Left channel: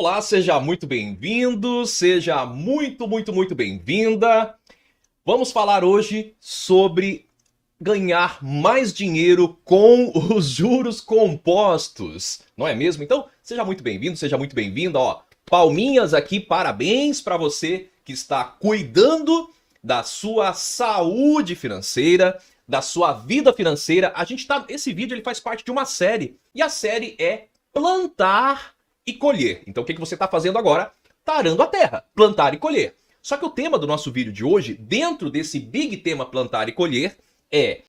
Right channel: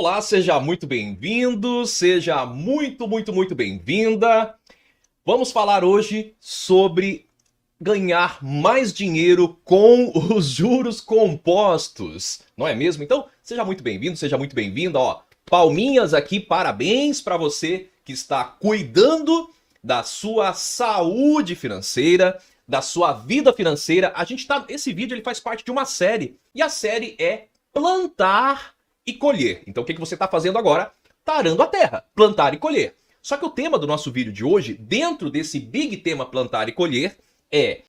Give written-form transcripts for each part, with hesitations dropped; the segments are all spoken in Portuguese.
Olá, seja muito bem-vindo, seja muito bem-vinda. Vamos falar hoje sobre ganhar mais dinheiro com os juros compostos. Não é mesmo? Então, seja muito bem-vindo, seja muito bem-vinda. Ó, palminhas aqui, parabéns para você que está cuidando da sua saúde financeira, da sua vida financeira. Esse vídeo ele faz parte de uma série e a série é plantar e colher. Então, o que você está fazendo agora? Está arando a terra, plantar e colher. Só que o tema do nosso vídeo de hoje, dentro desse big tema plantar e colher,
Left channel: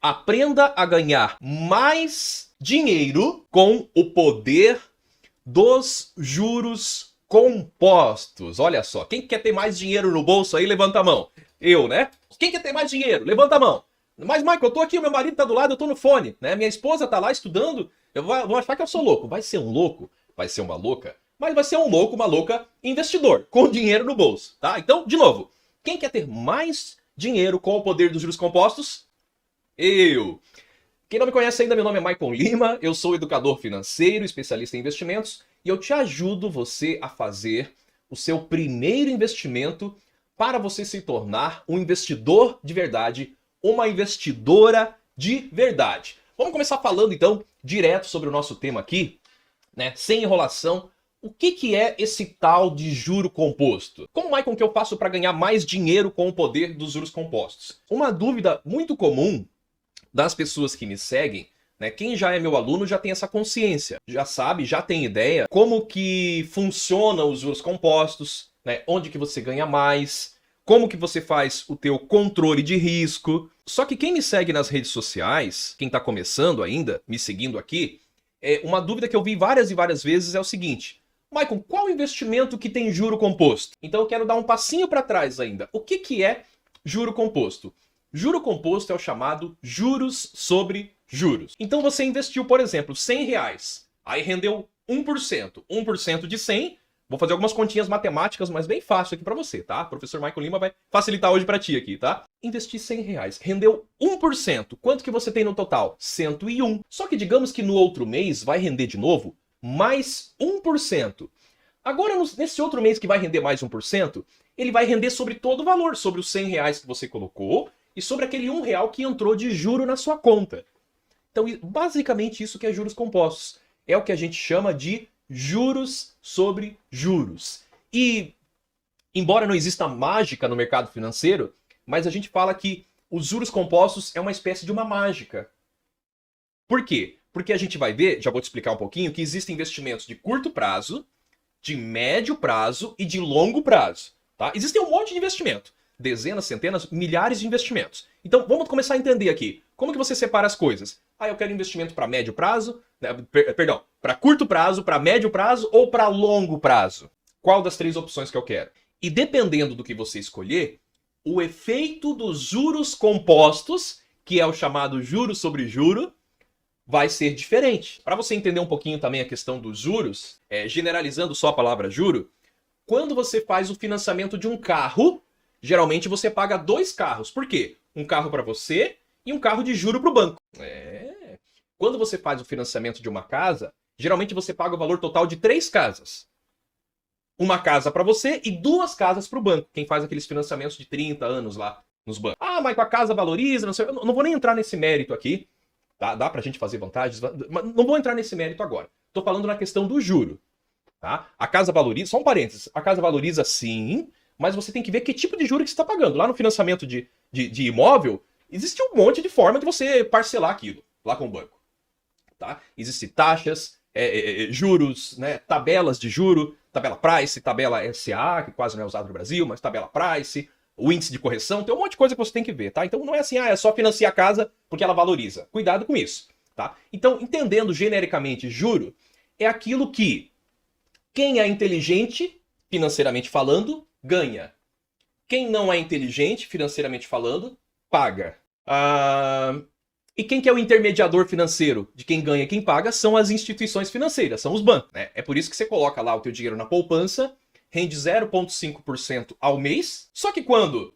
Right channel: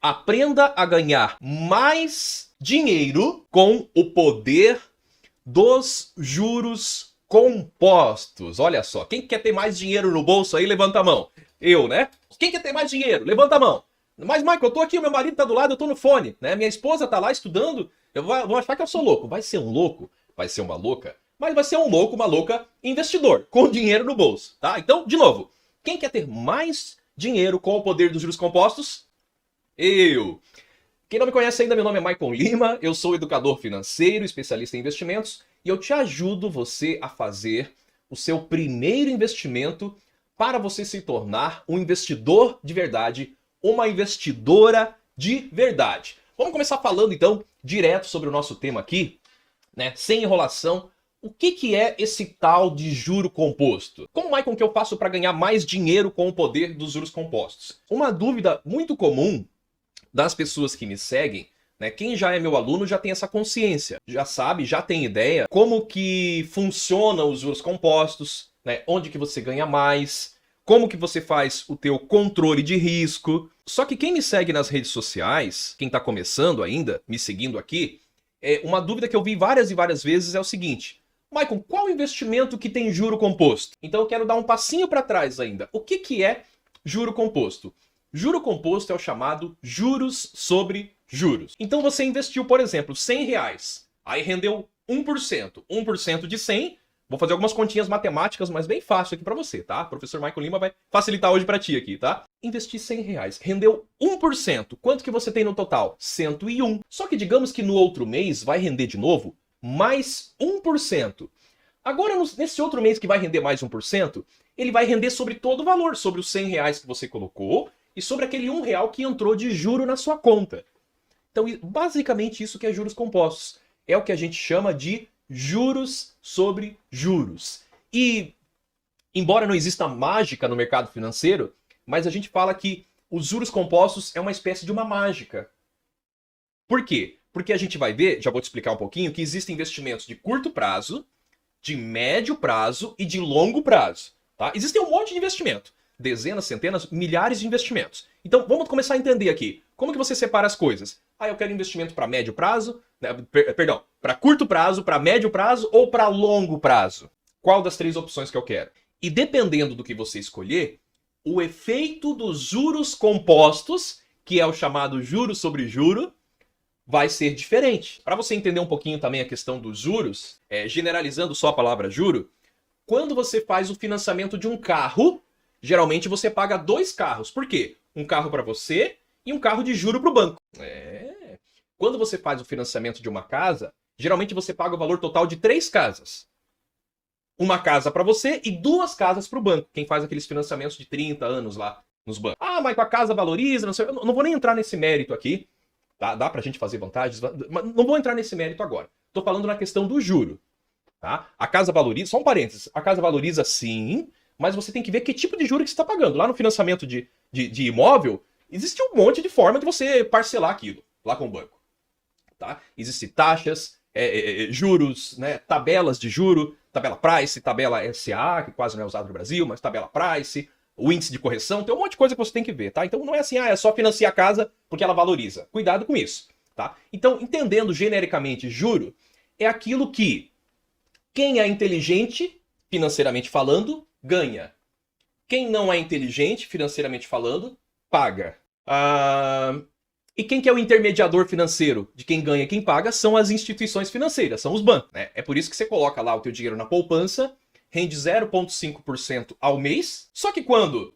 aprenda a ganhar mais dinheiro com o poder dos juros compostos. Olha só, quem quer ter mais dinheiro no bolso aí, levanta a mão. Eu, né? Quem quer ter mais dinheiro? Levanta a mão. Mas, Michael, eu tô aqui, meu marido tá do lado, eu tô no fone, né? Minha esposa tá lá estudando, vou achar que eu sou louco. Vai ser um louco? Vai ser uma louca? Mas vai ser um louco, uma louca investidor, com dinheiro no bolso, tá? Então, de novo, quem quer ter mais dinheiro com o poder dos juros compostos? Eu. Quem não me conhece ainda, meu nome é Michael Lima, eu sou educador financeiro, especialista em investimentos, e eu te ajudo você a fazer o seu primeiro investimento para você se tornar um investidor de verdade, uma investidora de verdade. Vamos começar falando então direto sobre o nosso tema aqui, né? Sem enrolação. O que é esse tal de juro composto? Como, Michael, que eu faço para ganhar mais dinheiro com o poder dos juros compostos? Uma dúvida muito comum das pessoas que me seguem, né? Quem já é meu aluno já tem essa consciência, já sabe, já tem ideia como que funcionam os juros compostos, né? Onde que você ganha mais, como que você faz o teu controle de risco. Só que quem me segue nas redes sociais, quem está começando ainda, me seguindo aqui, uma dúvida que eu vi várias e várias vezes é o seguinte: Michael, qual investimento que tem juro composto? Então eu quero dar um passinho para trás ainda. O que é juro composto? Juro composto é o chamado juros sobre juros. Então você investiu, por exemplo, R$ 100, aí rendeu 1%. 1% de 100. Vou fazer algumas continhas matemáticas, mas bem fácil aqui para você, tá? O professor Michael Lima vai facilitar hoje para ti aqui, tá? Investi R$ 100, rendeu 1%. Quanto que você tem no total? 101. Só que digamos que no outro mês vai render de novo mais 1%. Agora, nesse outro mês que vai render mais 1%, ele vai render sobre todo o valor, sobre os R$ 100 que você colocou e sobre aquele R$ 1 que entrou de juro na sua conta. Então, basicamente, isso que é juros compostos. É o que a gente chama de juros sobre juros. E, embora não exista mágica no mercado financeiro, mas a gente fala que os juros compostos é uma espécie de uma mágica. Por quê? Porque a gente vai ver, já vou te explicar um pouquinho, que existem investimentos de curto prazo, de médio prazo e de longo prazo. Tá? Existem um monte de investimento. Dezenas, centenas, milhares de investimentos. Então, vamos começar a entender aqui. Como que você separa as coisas? Eu quero investimento para médio prazo, perdão, para curto prazo, para médio prazo ou para longo prazo? Qual das três opções que eu quero? E dependendo do que você escolher, o efeito dos juros compostos, que é o chamado juro sobre juro, vai ser diferente. Para você entender um pouquinho também a questão dos juros, generalizando só a palavra juro, quando você faz o financiamento de um carro, geralmente você paga dois carros. Por quê? Um carro para você e um carro de juro para o banco. Quando você faz o financiamento de uma casa, geralmente você paga o valor total de três casas. Uma casa para você e duas casas para o banco. Quem faz aqueles financiamentos de 30 anos lá nos bancos. Mas com a casa valoriza, não sei. Eu não vou nem entrar nesse mérito aqui. Tá? Dá pra gente fazer vantagens, mas não vou entrar nesse mérito agora. Tô falando na questão do juro. Tá? A casa valoriza, só um parênteses, a casa valoriza sim, mas você tem que ver que tipo de juro que você está pagando. Lá no financiamento de imóvel, existe um monte de forma de você parcelar aquilo, lá com o banco. Tá? Existem taxas, juros, né? Tabelas de juro, tabela price, tabela SA, que quase não é usado no Brasil, mas tabela price, o índice de correção, tem um monte de coisa que você tem que ver, tá? Então não é assim, é só financiar a casa porque ela valoriza. Cuidado com isso, tá? Então, entendendo genericamente juro, é aquilo que quem é inteligente, financeiramente falando, ganha. Quem não é inteligente, financeiramente falando, paga. E quem que é o intermediador financeiro de quem ganha e quem paga são as instituições financeiras, são os bancos. Né? É por isso que você coloca lá o teu dinheiro na poupança, rende 0,5% ao mês, só que quando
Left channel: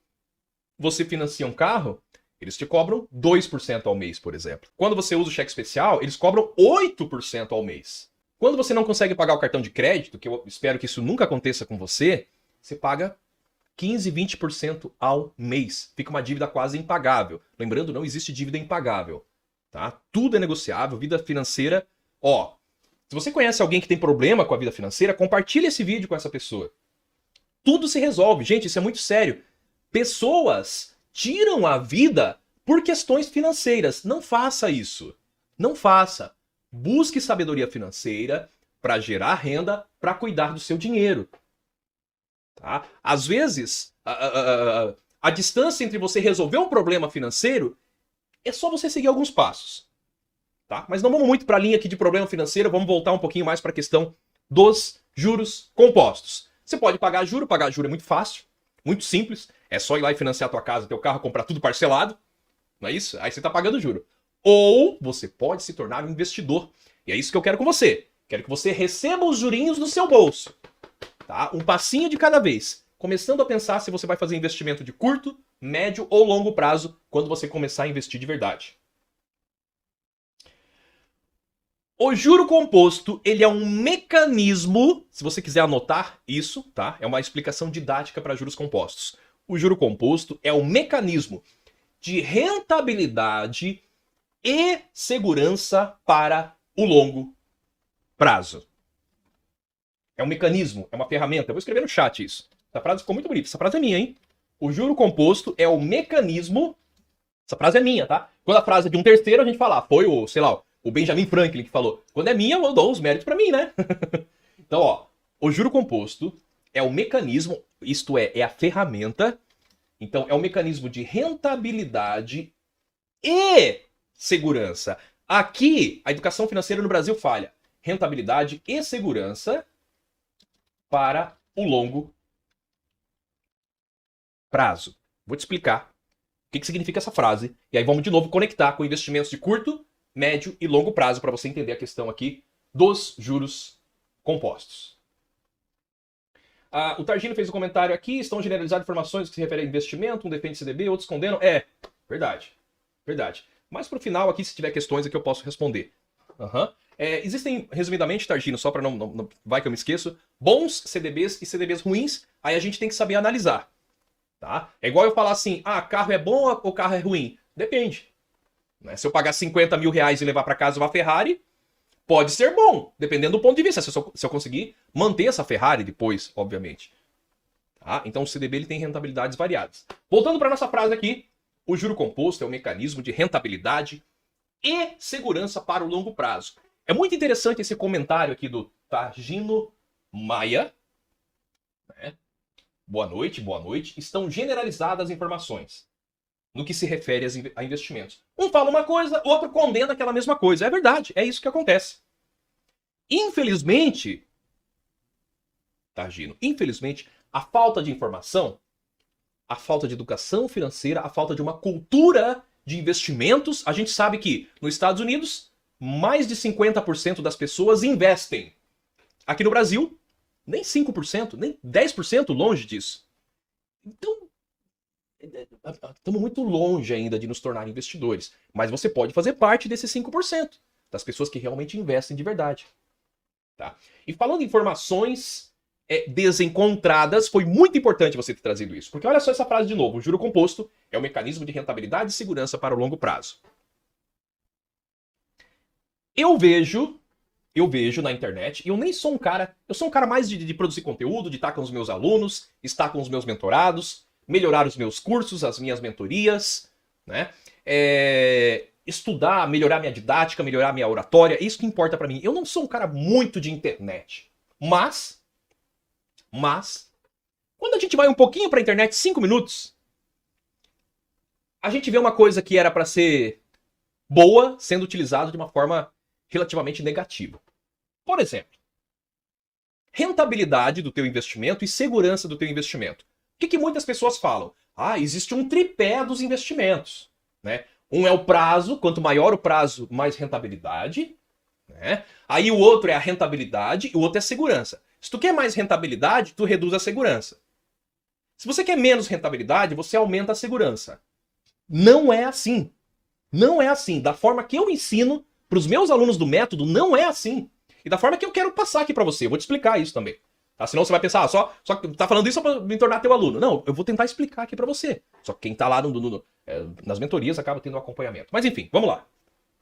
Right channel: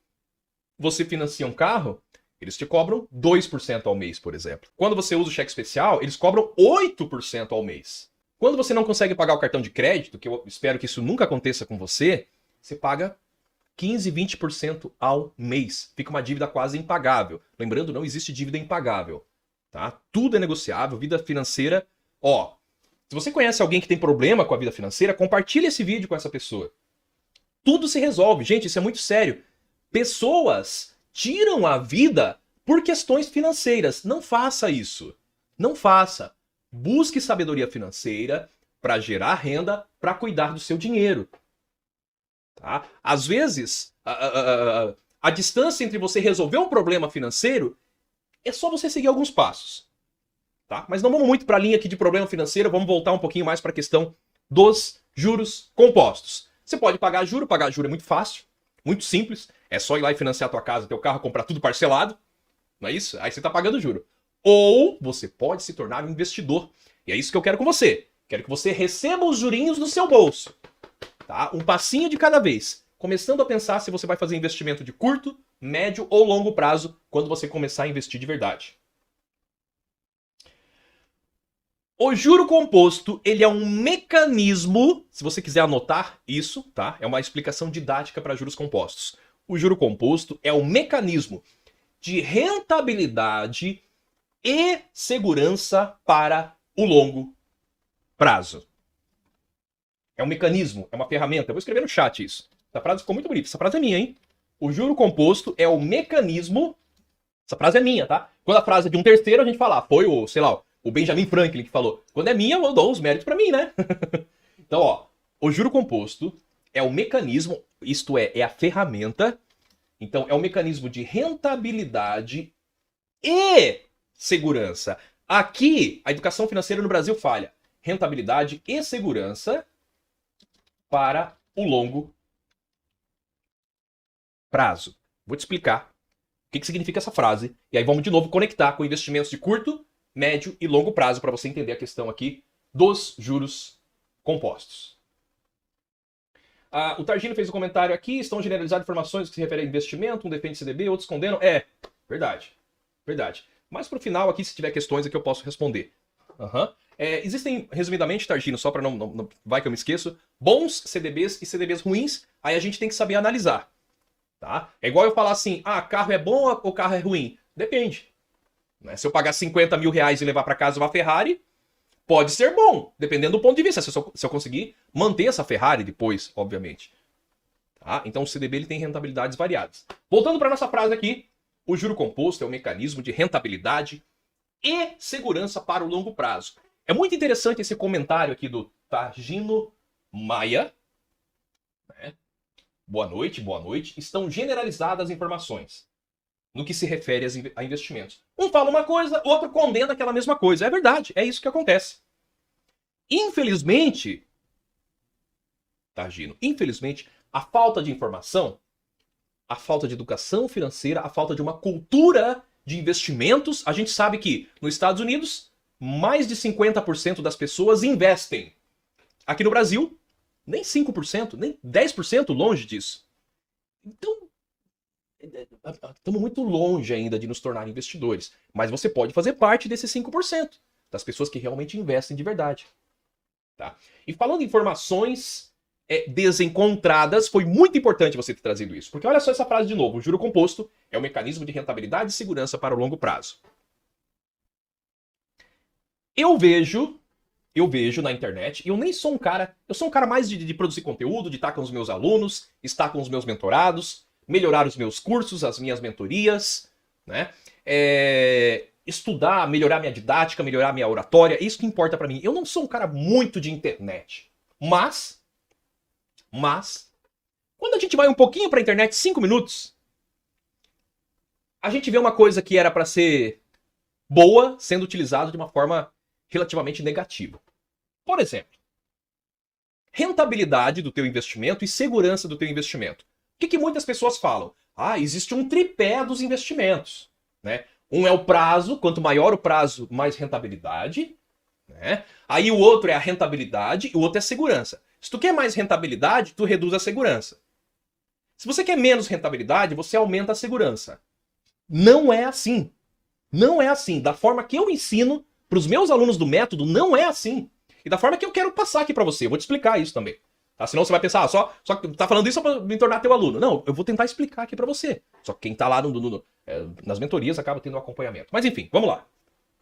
você financia um carro, eles te cobram 2% ao mês, por exemplo. Quando você usa o cheque especial, eles cobram 8% ao mês. Quando você não consegue pagar o cartão de crédito, que eu espero que isso nunca aconteça com você, você paga 15, 20% ao mês. Fica uma dívida quase impagável. Lembrando, não existe dívida impagável. Tá? Tudo é negociável, vida financeira. Ó, se você conhece alguém que tem problema com a vida financeira, compartilhe esse vídeo com essa pessoa. Tudo se resolve. Gente, isso é muito sério. Pessoas tiram a vida por questões financeiras. Não faça isso. Não faça. Busque sabedoria financeira para gerar renda, para cuidar do seu dinheiro. Tá? Às vezes, a distância entre você resolver um problema financeiro é só você seguir alguns passos. Tá? Mas não vamos muito para a linha aqui de problema financeiro, vamos voltar um pouquinho mais para a questão dos juros compostos. Você pode pagar juro é muito fácil, muito simples. É só ir lá e financiar a tua casa, teu carro, comprar tudo parcelado. Não é isso? Aí você está pagando juro. Ou você pode se tornar um investidor. E é isso que eu quero com você. Quero que você receba os jurinhos no seu bolso. Tá? Um passinho de cada vez. Começando a pensar se você vai fazer investimento de curto, médio ou longo prazo quando você começar a investir de verdade. O juro composto, ele é um mecanismo, se você quiser anotar isso, tá? É uma explicação didática para juros compostos. O juro composto é um mecanismo de rentabilidade e segurança para o longo prazo. É um mecanismo, é uma ferramenta. Eu vou escrever no chat isso. Essa frase ficou muito bonita. Essa frase é minha, hein? O juro composto é o mecanismo... Essa frase é minha, tá? Quando a frase é de um terceiro, a gente fala, foi o, sei lá, o Benjamin Franklin que falou. Quando é minha, eu dou os méritos pra mim, né? Então, ó, o juro composto é o mecanismo, isto é a ferramenta. Então, é um mecanismo de rentabilidade e segurança. Aqui, a educação financeira no Brasil falha. Rentabilidade e segurança para o longo prazo. Vou te explicar o que significa essa frase. E aí vamos de novo conectar com investimentos de curto, médio e longo prazo para você entender a questão aqui dos juros compostos. O Targino fez um comentário aqui. Estão generalizando informações que se referem a investimento. Um depende de CDB, outros esconderam. Verdade. Verdade. Mas pro final aqui, se tiver questões aqui, eu posso responder. Existem, resumidamente, Targino, só para não... Vai que eu me esqueço. Bons CDBs e CDBs ruins. Aí a gente tem que saber analisar. Tá? É igual eu falar assim, carro é bom ou carro é ruim? Depende. Se eu pagar 50 mil reais e levar para casa uma Ferrari, pode ser bom, dependendo do ponto de vista. Se eu conseguir manter essa Ferrari depois, obviamente. Tá? Então o CDB ele tem rentabilidades variadas. Voltando para nossa frase aqui, o juro composto é um mecanismo de rentabilidade e segurança para o longo prazo. É muito interessante esse comentário aqui do Targino Maia. Boa noite, boa noite. Estão generalizadas as informações no que se refere a investimentos. Um fala uma coisa, o outro condena aquela mesma coisa. É verdade, é isso que acontece. Infelizmente, Targino, a falta de informação, a falta de educação financeira, a falta de uma cultura de investimentos, a gente sabe que nos Estados Unidos, mais de 50% das pessoas investem. Aqui no Brasil, nem 5%, nem 10% longe disso. Então, estamos muito longe ainda de nos tornar investidores. Mas você pode fazer parte desses 5%, das pessoas que realmente investem de verdade. Tá? E falando em informações desencontradas, foi muito importante você ter trazido isso. Porque olha só essa frase de novo. O juro composto é um mecanismo de rentabilidade e segurança para o longo prazo. Eu vejo na internet, e eu nem sou um cara... Eu sou um cara mais de produzir conteúdo, de estar com os meus alunos, estar com os meus mentorados, melhorar os meus cursos, as minhas mentorias, né? Estudar, melhorar minha didática, melhorar minha oratória, isso que importa pra mim. Eu não sou um cara muito de internet, mas quando a gente vai um pouquinho pra internet, 5 minutos, a gente vê uma coisa que era pra ser boa sendo utilizada de uma forma relativamente negativa. Por exemplo, rentabilidade do teu investimento e segurança do teu investimento. O que muitas pessoas falam? Existe um tripé dos investimentos. Né? Um é o prazo, quanto maior o prazo, mais rentabilidade. Né? Aí o outro é a rentabilidade e o outro é a segurança. Se tu quer mais rentabilidade, tu reduz a segurança. Se você quer menos rentabilidade, você aumenta a segurança. Não é assim. Não é assim. Da forma que eu ensino para os meus alunos do método, não é assim. E da forma que eu quero passar aqui pra você. Eu vou te explicar isso também. Tá? Senão você vai pensar, só que tá falando isso só pra me tornar teu aluno. Não, eu vou tentar explicar aqui pra você. Só que quem tá lá nas mentorias acaba tendo um acompanhamento. Mas enfim, vamos lá.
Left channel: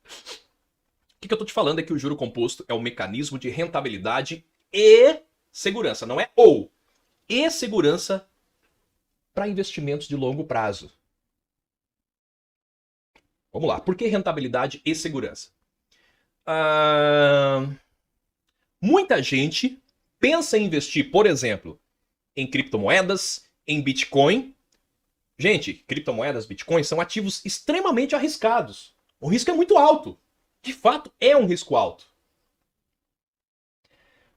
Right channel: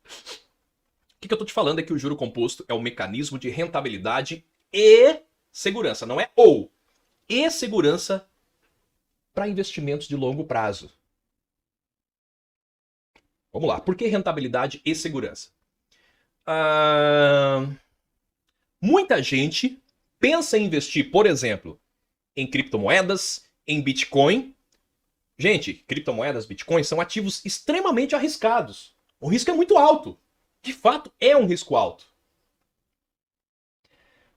O que eu tô te falando é que o juro composto é um mecanismo de rentabilidade e segurança. Não é ou. E segurança para investimentos de longo prazo. Vamos lá. Por que rentabilidade e segurança? Muita gente pensa em investir, por exemplo, em criptomoedas, em Bitcoin. Gente, criptomoedas, Bitcoin são ativos extremamente arriscados. O risco é muito alto. De fato, é um risco alto.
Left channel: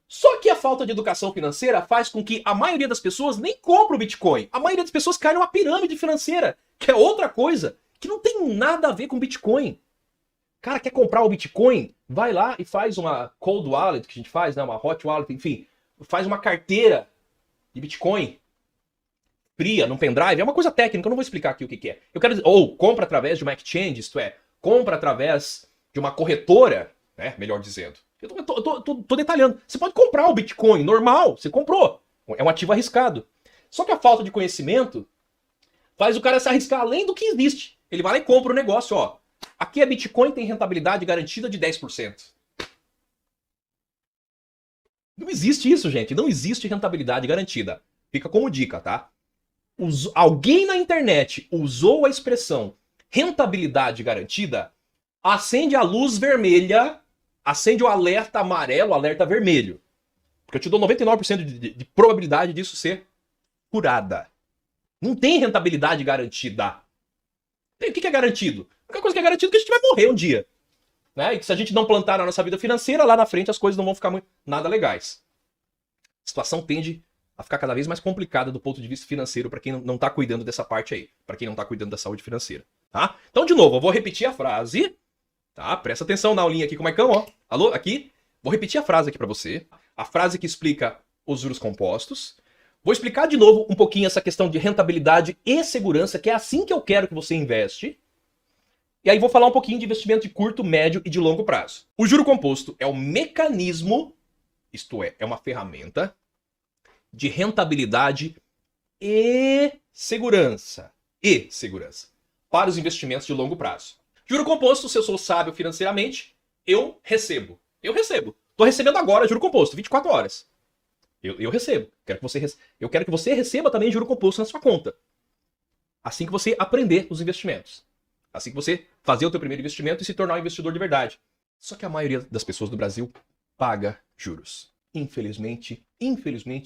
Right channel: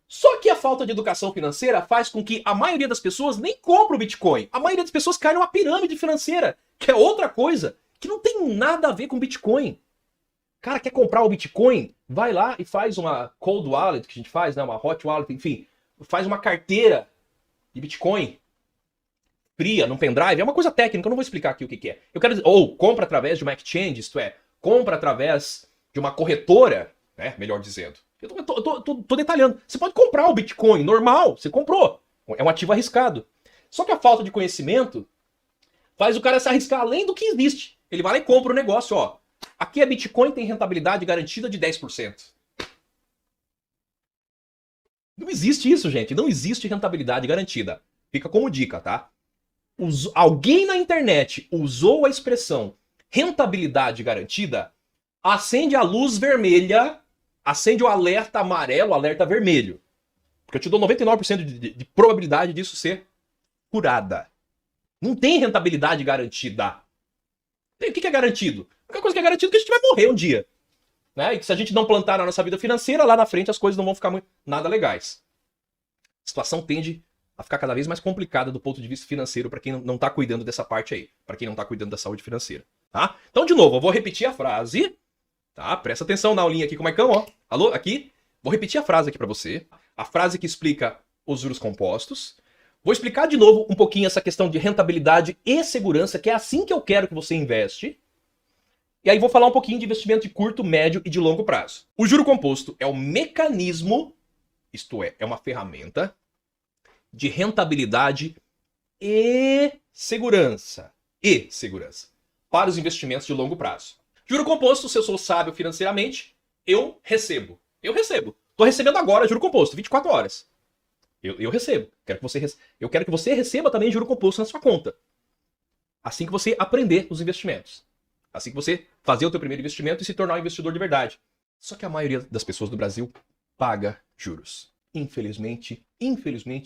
Só que a falta de educação financeira faz com que a maioria das pessoas nem compre o Bitcoin. A maioria das pessoas cai numa pirâmide financeira, que é outra coisa, que não tem nada a ver com Bitcoin. Cara, quer comprar o Bitcoin? Vai lá e faz uma cold wallet, que a gente faz, né? Uma hot wallet, enfim. Faz uma carteira de Bitcoin. Fria, num pendrive. É uma coisa técnica, eu não vou explicar aqui o que é. Eu quero dizer, ou compra através de uma exchange, isto é, compra através de uma corretora, né? Melhor dizendo. Eu tô detalhando. Você pode comprar o Bitcoin, normal, você comprou. É um ativo arriscado. Só que a falta de conhecimento faz o cara se arriscar além do que existe. Ele vai lá e compra o negócio, ó. Aqui a Bitcoin tem rentabilidade garantida de 10%. Não existe isso, gente. Não existe rentabilidade garantida. Fica como dica, tá? Alguém na internet usou a expressão rentabilidade garantida, acende a luz vermelha, acende o alerta amarelo, o alerta vermelho. Porque eu te dou 99% de probabilidade disso ser furada. Não tem rentabilidade garantida. O que é garantido? A única coisa que é garantido é que a gente vai morrer um dia. Né? E que se a gente não plantar na nossa vida financeira, lá na frente as coisas não vão ficar muito nada legais. A situação tende a ficar cada vez mais complicada do ponto de vista financeiro para quem não está cuidando dessa parte aí. Para quem não está cuidando da saúde financeira. Tá? Então, de novo, eu vou repetir a frase. Tá? Presta atenção na aulinha aqui com o Maicão. Ó. Alô? Aqui. Vou repetir a frase aqui para você. A frase que explica os juros compostos. Vou explicar de novo um pouquinho essa questão de rentabilidade e segurança, que é assim que eu quero que você investe. E aí vou falar um pouquinho de investimento de curto, médio e de longo prazo. O juro composto é o mecanismo, isto é uma ferramenta de rentabilidade e segurança. Para os investimentos de longo prazo. Juro composto, se eu sou sábio financeiramente, eu recebo. Estou recebendo agora juro composto, 24 horas. Eu recebo. Eu quero que você receba também juro composto na sua conta. Assim que você aprender os investimentos. Assim que você fazer o teu primeiro investimento e se tornar um investidor de verdade. Só que a maioria das pessoas do Brasil paga juros. Infelizmente,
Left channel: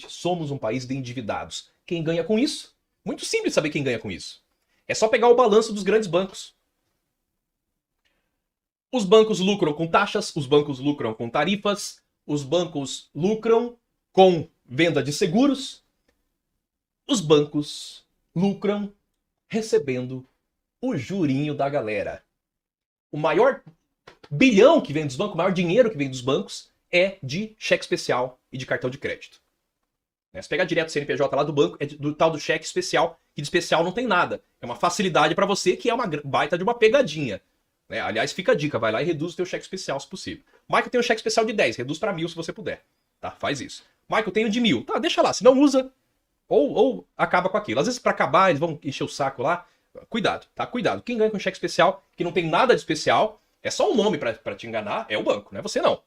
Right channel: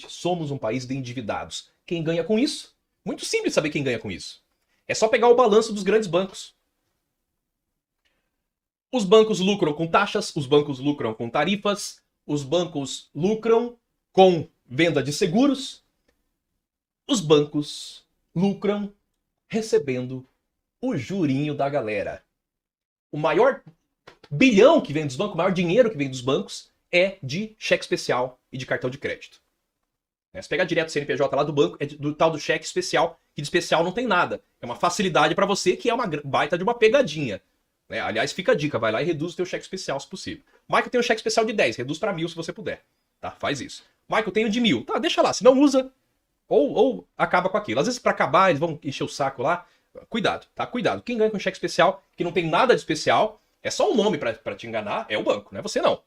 somos um país de endividados. Quem ganha com isso? Muito simples saber quem ganha com isso. É só pegar o balanço dos grandes bancos. Os bancos lucram com taxas, os bancos lucram com tarifas, os bancos lucram com venda de seguros, os bancos lucram recebendo o jurinho da galera. O maior bilhão que vem dos bancos, o maior dinheiro que vem dos bancos é de cheque especial e de cartão de crédito. Se pegar direto CNPJ lá do banco, é do tal do cheque especial, que de especial não tem nada. É uma facilidade para você que é uma baita de uma pegadinha. Aliás, fica a dica, vai lá e reduz o teu cheque especial se possível. Marco tem um cheque especial de 10, reduz para 1.000 se você puder. Tá? Faz isso. Marco, eu tenho de 1.000. Tá, deixa lá, se não usa, ou acaba com aquilo. Às vezes para acabar eles vão encher o saco lá. Cuidado, tá? Cuidado. Quem ganha com cheque especial, que não tem nada de especial, é só um nome para te enganar, é o banco, não é você não.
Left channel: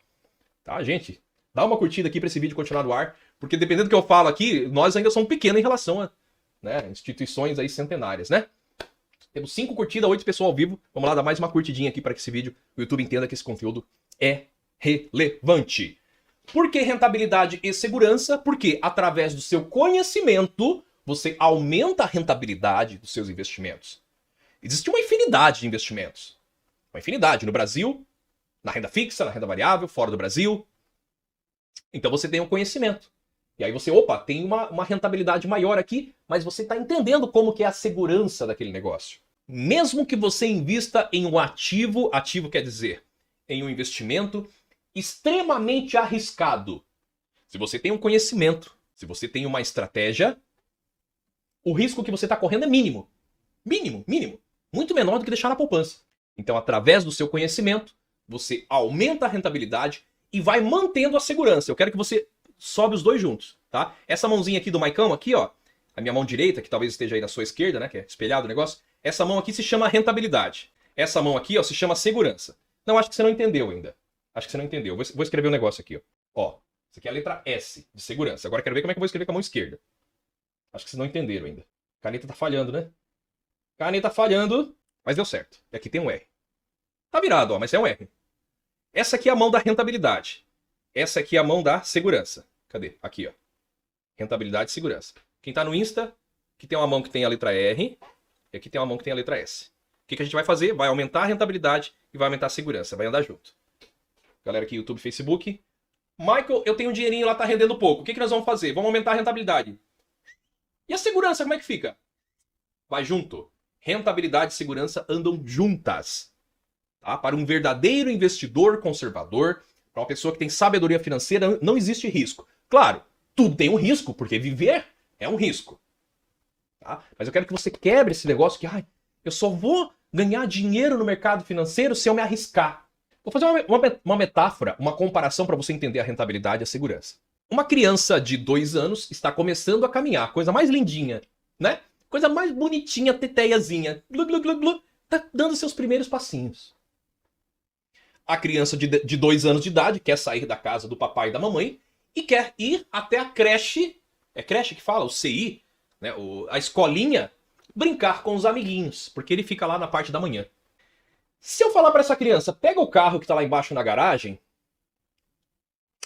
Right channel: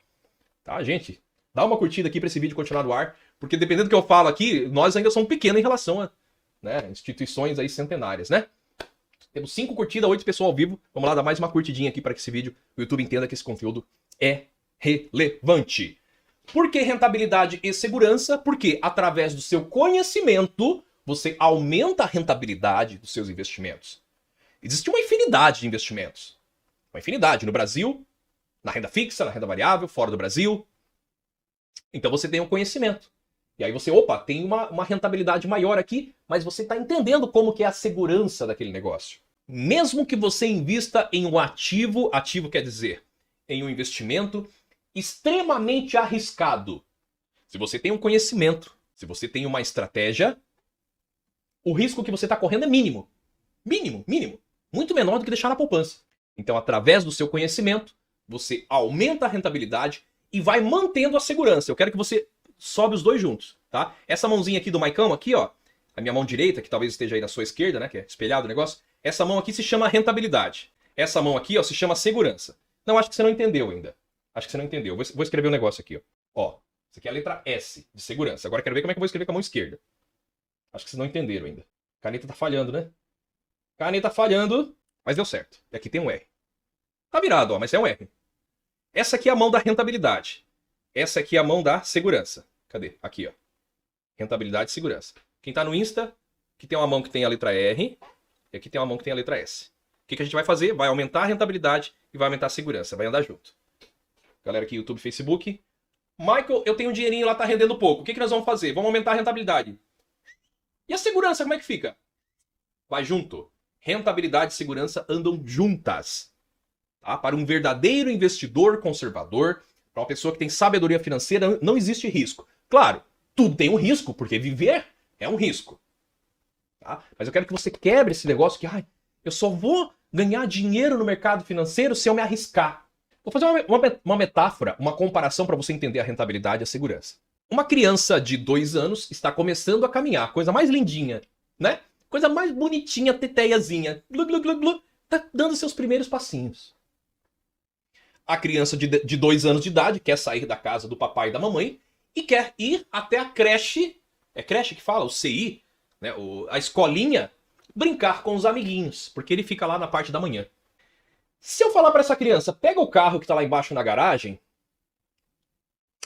Tá, gente? Dá uma curtida aqui para esse vídeo continuar no ar, porque dependendo do que eu falo aqui, nós ainda somos pequenos em relação a instituições aí centenárias, né? Temos 5 curtidas, 8 pessoas ao vivo. Vamos lá, dar mais uma curtidinha aqui para que esse vídeo, o YouTube entenda que esse conteúdo é relevante. Por que rentabilidade e segurança? Porque através do seu conhecimento, você aumenta a rentabilidade dos seus investimentos. Existe uma infinidade de investimentos. Uma infinidade no Brasil, na renda fixa, na renda variável, fora do Brasil. Então você tem um conhecimento. E aí você, tem uma rentabilidade maior aqui, mas você está entendendo como que é a segurança daquele negócio. Mesmo que você invista em um ativo quer dizer, em um investimento extremamente arriscado. Se você tem um conhecimento, se você tem uma estratégia, o risco que você está correndo é mínimo. Mínimo. Muito menor do que deixar na poupança. Então, através do seu conhecimento, você aumenta a rentabilidade e vai mantendo a segurança. Eu quero que você sobe os dois juntos, tá? Essa mãozinha aqui do Maicão, aqui, ó, a minha mão direita, que talvez esteja aí na sua esquerda, né, que é espelhado o negócio, essa mão aqui se chama rentabilidade. Essa mão aqui, ó, se chama segurança. Não, acho que você não entendeu ainda. Acho que você não entendeu. Vou escrever um negócio aqui, ó. Ó, isso aqui é a letra S, segurança. Agora quero ver como é que eu vou escrever com a mão esquerda. Acho que vocês não entenderam ainda. A caneta tá falhando, né? Caneta falhando, mas deu certo. E aqui tem um R. Tá virado, ó, mas é um R. Essa aqui é a mão da rentabilidade. Essa aqui é a mão da segurança. Cadê? Aqui, ó. Rentabilidade e segurança. Quem tá no Insta, aqui tem uma mão que tem a letra R e aqui tem uma mão que tem a letra S. O que a gente vai fazer? Vai aumentar a rentabilidade e vai aumentar a segurança. Vai andar junto. Galera aqui, YouTube, Facebook. Michael, eu tenho um dinheirinho lá, tá rendendo pouco. O que nós vamos fazer? Vamos aumentar a rentabilidade. E a segurança, como é que fica? Vai junto. Rentabilidade e segurança andam juntas. Tá? Para um verdadeiro investidor conservador, para uma pessoa que tem sabedoria financeira, não existe risco. Claro, tudo tem um risco, porque viver é um risco. Tá? Mas eu quero que você quebre esse negócio que eu só vou ganhar dinheiro no mercado financeiro se eu me arriscar. Vou fazer uma metáfora, uma comparação para você entender a rentabilidade e a segurança. Uma criança de 2 anos está começando a caminhar, coisa mais lindinha, né? Coisa mais bonitinha, teteiazinha, glu, glu, glu, glu, tá dando seus primeiros passinhos. A criança de 2 anos de idade quer sair da casa do papai e da mamãe e quer ir até a creche, é creche que fala, o CI, né, a escolinha, brincar com os amiguinhos, porque ele fica lá na parte da manhã. Se eu falar para essa criança, pega o carro que tá lá embaixo na garagem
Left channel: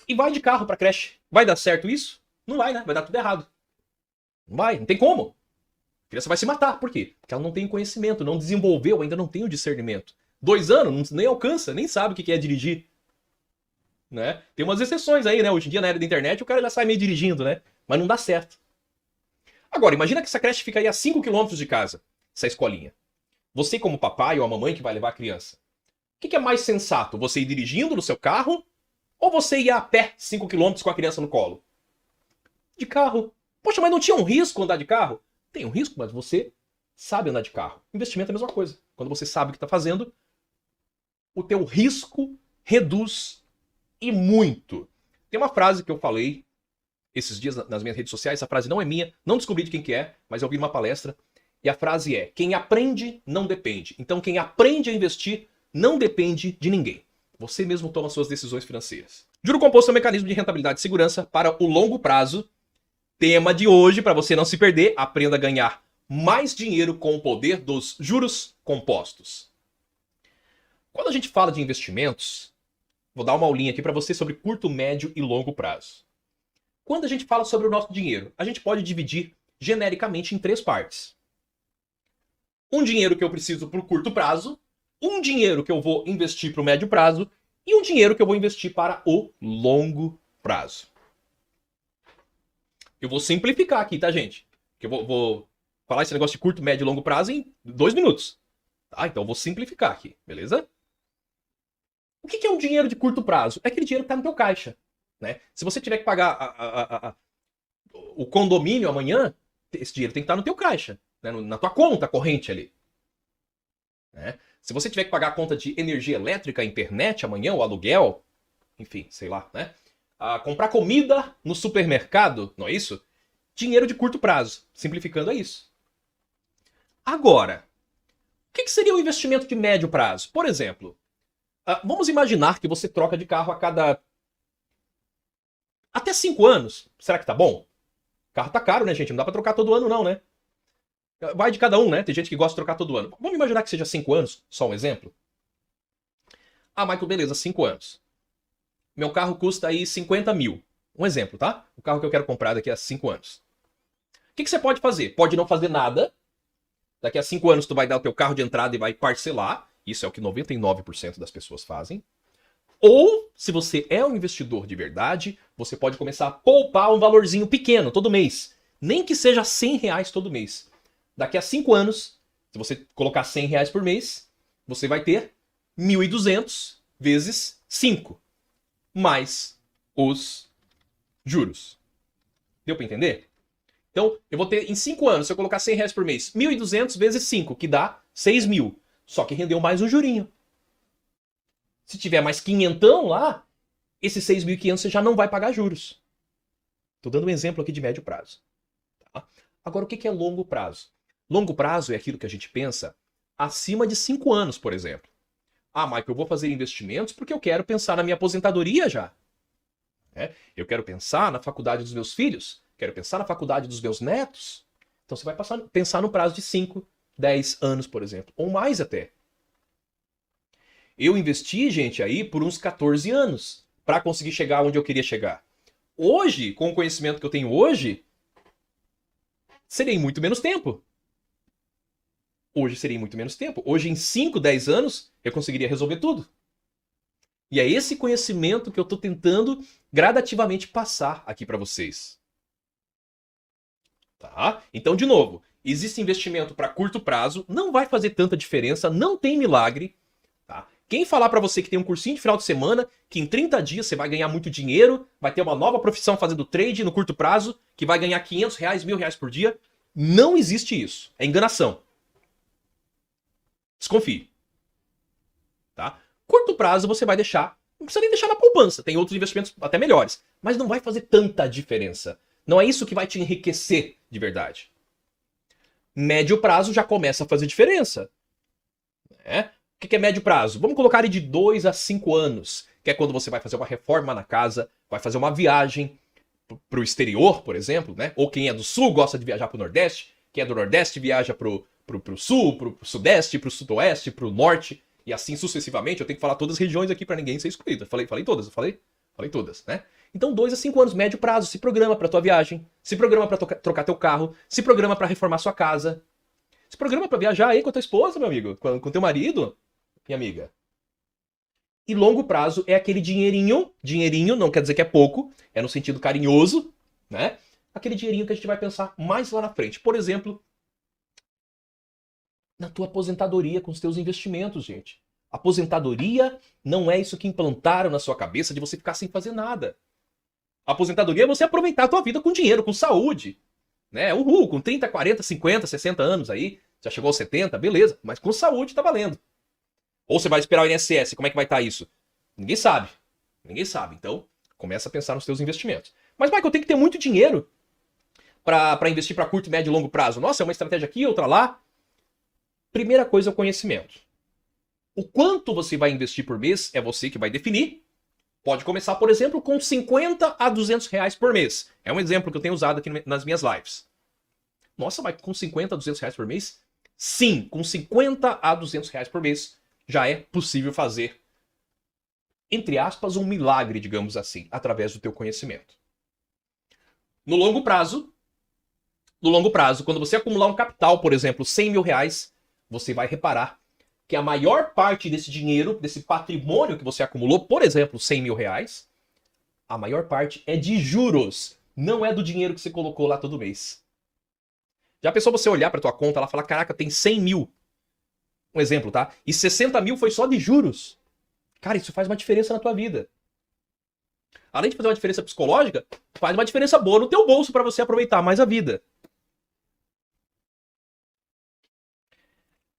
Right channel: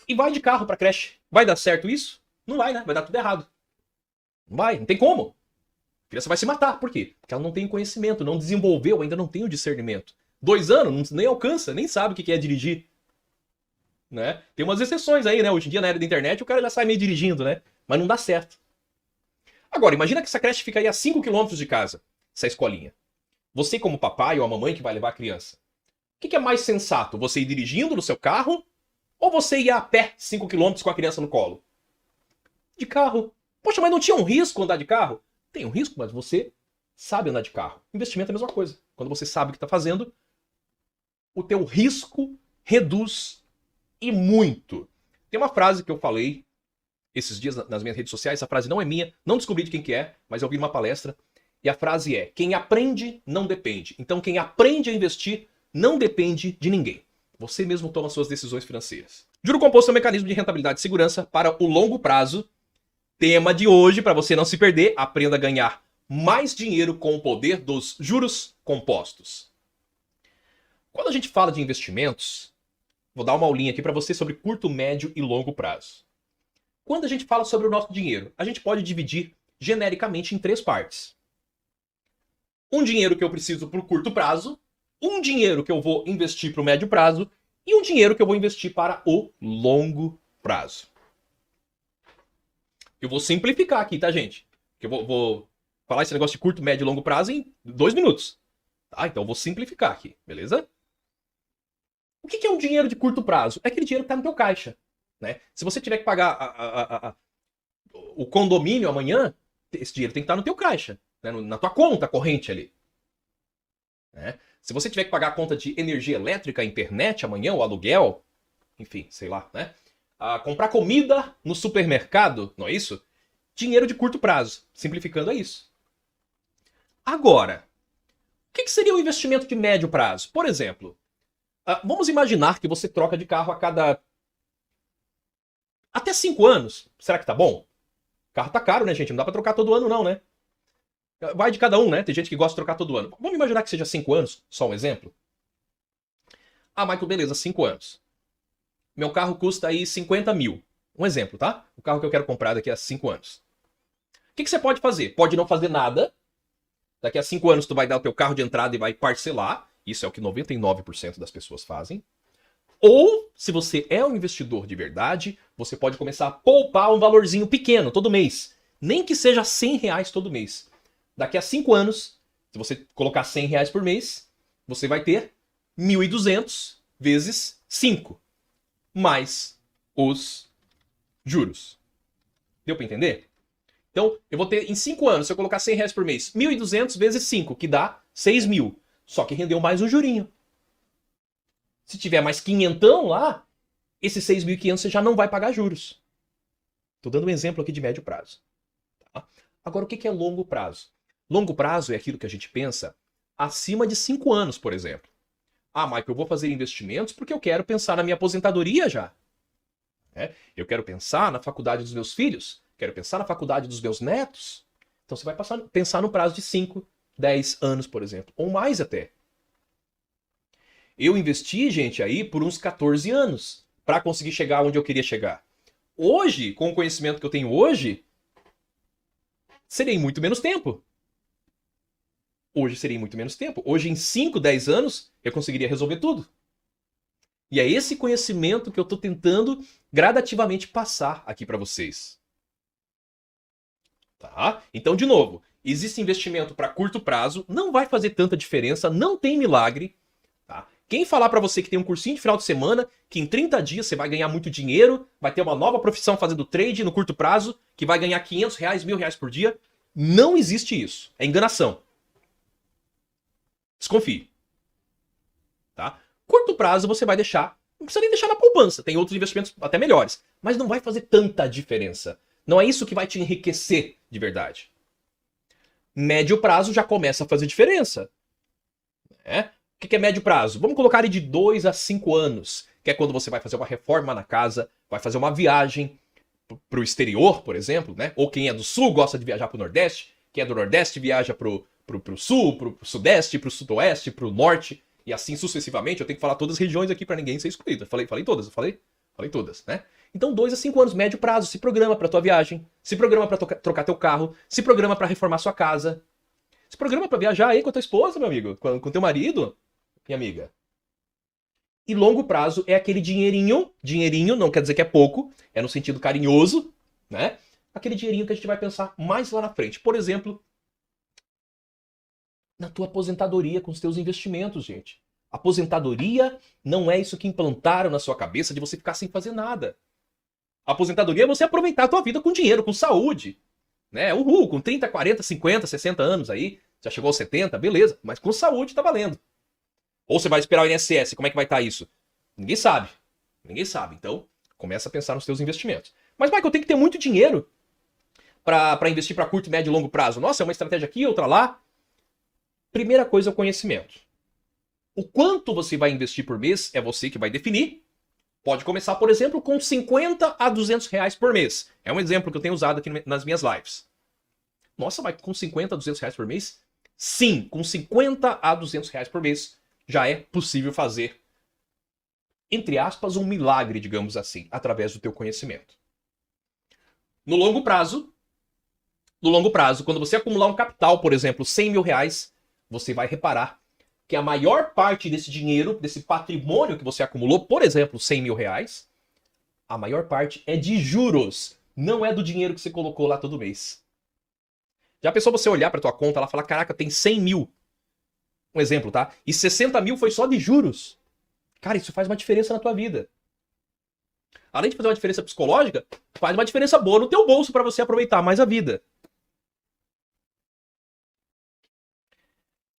e vai de carro pra creche, vai dar certo isso? Não vai, né? Vai dar tudo errado. Não vai, não tem como. A criança vai se matar, por quê? Porque ela não tem conhecimento, não desenvolveu, ainda não tem o discernimento. 2 anos, nem alcança, nem sabe o que é dirigir. Né? Tem umas exceções aí, né? Hoje em dia, na era da internet, o cara já sai meio dirigindo, né? Mas não dá certo. Agora, imagina que essa creche fica aí a 5 quilômetros de casa, essa escolinha. Você, como papai ou a mamãe que vai levar a criança, o que é mais sensato? Você ir dirigindo no seu carro ou você ir a pé 5 quilômetros com a criança no colo? De carro. Poxa, mas não tinha um risco andar de carro? Tem um risco, mas você sabe andar de carro. Investimento é a mesma coisa. Quando você sabe o que está fazendo, o teu risco reduz e muito. Tem uma frase que eu falei esses dias nas minhas redes sociais, essa frase não é minha, não descobri de quem que é, mas eu vi numa palestra, e a frase é: quem aprende não depende. Então quem aprende a investir não depende de ninguém. Você mesmo toma suas decisões financeiras. Juro composto é um mecanismo de rentabilidade e segurança para o longo prazo. Tema de hoje, para você não se perder, aprenda a ganhar mais dinheiro com o poder dos juros compostos. Quando a gente fala de investimentos, vou dar uma aulinha aqui para você sobre curto, médio e longo prazo. Quando a gente fala sobre o nosso dinheiro, a gente pode dividir genericamente em 3 partes. Um dinheiro que eu preciso para o curto prazo, um dinheiro que eu vou investir para o médio prazo e um dinheiro que eu vou investir para o longo prazo. Eu vou simplificar aqui, tá, gente? Eu vou falar esse negócio de curto, médio e longo prazo em 2 minutos. Tá? Então eu vou simplificar aqui, beleza? O que é um dinheiro de curto prazo? É aquele dinheiro que está no teu caixa. Né? Se você tiver que pagar o condomínio amanhã, esse dinheiro tem que estar no teu caixa, né? Na tua conta corrente ali. Né? Se você tiver que pagar a conta de energia elétrica, internet amanhã, o aluguel, enfim, sei lá, né? Comprar comida no supermercado, não é isso? Dinheiro de curto prazo. Simplificando é isso. Agora, o que seria um investimento de médio prazo? Por exemplo, vamos imaginar que você troca de carro a cada até 5 anos. Será que tá bom? O carro tá caro, né, gente? Não dá pra trocar todo ano, não, né? Vai de cada um, né? Tem gente que gosta de trocar todo ano. Vamos imaginar que seja 5 anos, só um exemplo. Michael, beleza, 5 anos. Meu carro custa aí 50 mil. Um exemplo, tá? O carro que eu quero comprar daqui a 5 anos. O que você pode fazer? Pode não fazer nada. Daqui a 5 anos tu vai dar o teu carro de entrada e vai parcelar. Isso é o que 99% das pessoas fazem. Ou, se você é um investidor de verdade, você pode começar a poupar um valorzinho pequeno todo mês. Nem que seja R$100 todo mês. Daqui a 5 anos, se você colocar R$100 por mês, você vai ter 1.200 vezes 5. Mais os juros. Deu para entender? Então, eu vou ter em 5 anos, se eu colocar R$100 por mês, 1.200 vezes 5, que dá 6 mil. Só que rendeu mais um jurinho. Se tiver mais quinhentão lá, esses 6.500 você já não vai pagar juros. Estou dando um exemplo aqui de médio prazo. Tá? Agora, o que é longo prazo? Longo prazo é aquilo que a gente pensa acima de 5 anos, por exemplo. Ah, Michael, eu vou fazer investimentos porque eu quero pensar na minha aposentadoria já. Eu quero pensar na faculdade dos meus filhos, quero pensar na faculdade dos meus netos. Então você vai pensar no prazo de 5, 10 anos, por exemplo, ou mais até. Eu investi, gente, aí por uns 14 anos para conseguir chegar onde eu queria chegar. Hoje, com o conhecimento que eu tenho hoje, seria em muito menos tempo. Hoje seria em muito menos tempo. Hoje, em 5, 10 anos, eu conseguiria resolver tudo. E é esse conhecimento que eu estou tentando gradativamente passar aqui para vocês. Tá? Então, de novo, existe investimento para curto prazo, não vai fazer tanta diferença, não tem milagre. Tá? Quem falar para você que tem um cursinho de final de semana, que em 30 dias você vai ganhar muito dinheiro, vai ter uma nova profissão fazendo trade no curto prazo, que vai ganhar 500 reais, 1.000 reais por dia, não existe isso. É enganação. Desconfie. Tá? Curto prazo você vai deixar, não precisa nem deixar na poupança, tem outros investimentos até melhores, mas não vai fazer tanta diferença. Não é isso que vai te enriquecer de verdade. Médio prazo já começa a fazer diferença. Né? O que é médio prazo? Vamos colocar ele de 2 a 5 anos, que é quando você vai fazer uma reforma na casa, vai fazer uma viagem para o exterior, por exemplo, né? Ou quem é do sul gosta de viajar para o Nordeste, quem é do Nordeste viaja para o sul, para o Sudeste, para o Sudoeste, para o Norte, e assim sucessivamente. Eu tenho que falar todas as regiões aqui para ninguém ser excluído. Eu falei todas, falei todas, né? Então 2 a 5 anos, médio prazo, se programa para tua viagem, se programa para trocar teu carro, se programa para reformar sua casa, se programa para viajar aí com a tua esposa, meu amigo, com teu marido, minha amiga. E longo prazo é aquele dinheirinho não quer dizer que é pouco, é no sentido carinhoso, né? Aquele dinheirinho que a gente vai pensar mais lá na frente. Por exemplo, na tua aposentadoria com os teus investimentos, gente. Aposentadoria não é isso que implantaram na sua cabeça de você ficar sem fazer nada. A aposentadoria é você aproveitar a tua vida com dinheiro, com saúde. Né? Uhul, com 30, 40, 50, 60 anos aí, já chegou aos 70, beleza, mas com saúde tá valendo. Ou você vai esperar o INSS, como é que vai estar isso? Ninguém sabe. Ninguém sabe. Então, começa a pensar nos seus investimentos. Mas, Michael, tem que ter muito dinheiro para investir para curto, médio e longo prazo. Nossa, é uma estratégia aqui, outra lá. Primeira coisa é o conhecimento. O quanto você vai investir por mês é você que vai definir. Pode começar, por exemplo, com 50 a 200 reais por mês. É um exemplo que eu tenho usado aqui nas minhas lives. Nossa, vai com 50 a 200 reais por mês? Sim, com 50 a 200 reais por mês já é possível fazer, entre aspas, um milagre, digamos assim, através do teu conhecimento. No longo prazo, quando você acumular um capital, por exemplo, 100 mil reais, você vai reparar que a maior parte desse dinheiro, desse patrimônio que você acumulou, por exemplo, 100 mil reais, a maior parte é de juros, não é do dinheiro que você colocou lá todo mês. Já pensou você olhar para tua conta e falar, caraca, tem 100 mil. Um exemplo, tá? E 60 mil foi só de juros. Cara, isso faz uma diferença na tua vida. Além de fazer uma diferença psicológica, faz uma diferença boa no teu bolso para você aproveitar mais a vida.